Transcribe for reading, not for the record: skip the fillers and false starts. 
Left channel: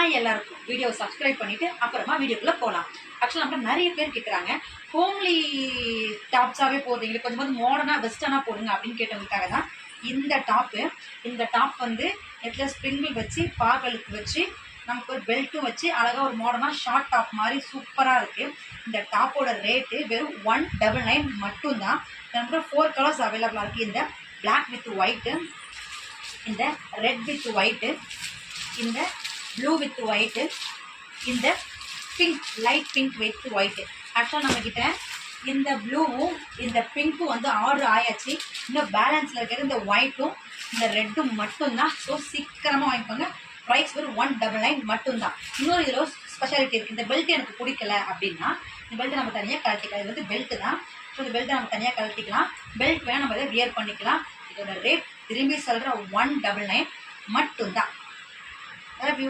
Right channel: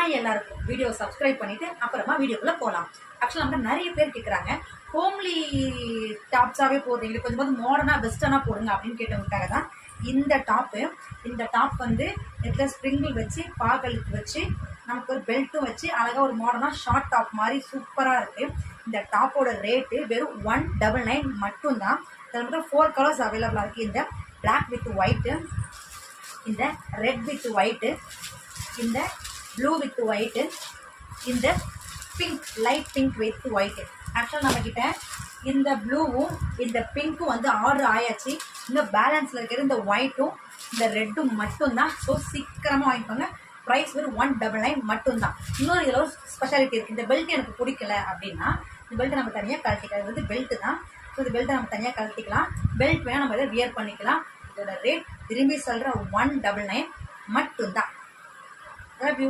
Hi எல்லாருக்கும். Video subscribe பண்ணிவிட்டு அப்புறமா வீடியோக்குள்ளே போகலாம். ஆக்சுவலாக நம்மகிட்ட நிறைய பேர் கேட்குறாங்க, ஹோம்லி டாப்ஸாகவே போடுறீங்க, கொஞ்சம் மாடர்னாக வெஸ்டர்னாக போடுங்க அப்படின்னு கேட்டவங்களுக்காக தான் இந்த டாப்பு. இந்த டாப் வந்து நெட்டில் ஸ்ப்ரிங்கிள் வச்சு பாகலுக்கு வச்சு நமக்கு ஒரு பெல்ட்டும் வச்சு அழகாக ஒரு மாடர்னாக ஷார்ட் டாப் மாதிரி சூப்பராக இருக்குது. இந்த டாப்போட ரேட்டு வெறும் 199 மட்டும்தான். இதில் 4 கலர்ஸ் அவைலபிளாக இருக்குது. இந்த பிளாக் வித் ஒயிட்டு, இந்த ரெட் வித் ஒயிட்டு, இந்த ப்ளூ வித் ஒயிட்டு, இந்த pink light pink with white. ஆக்சுவலாக நம்மக்கிட்ட இந்த ப்ளூவும் இந்த பிங்க்கும் வந்து ஆர்டர் ஆயாச்சு. இன்னும் பேலன்ஸில் இருக்கிற இந்த ஒயிட்டும் இந்த ரெட்டும் மட்டும்தான். ஸோ சீக்கிரமாக வாங்கிக்கோங்க. ப்ரைஸ் வெறும் 199 மட்டும்தான். இன்னொரு இதில் ஒரு ஸ்பெஷாலிட்டி இருக்குது. இந்த பெல்ட் எனக்கு பிடிக்கல அப்படின்னா இந்த பெல்ட்டை நம்ம தனியாக கழட்டிக்கலாம். இது வந்து பெல்ட்டு தான். ஸோ இந்த பெல்ட்டை நம்ம தனியாக கழட்டிக்கலாம். பெல்ட் வேணால் நம்ம இதை வியர் பண்ணிக்கலாம். இதோட ரேட் திரும்பி சொல்கிற 199 மட்டும்தான். Love you.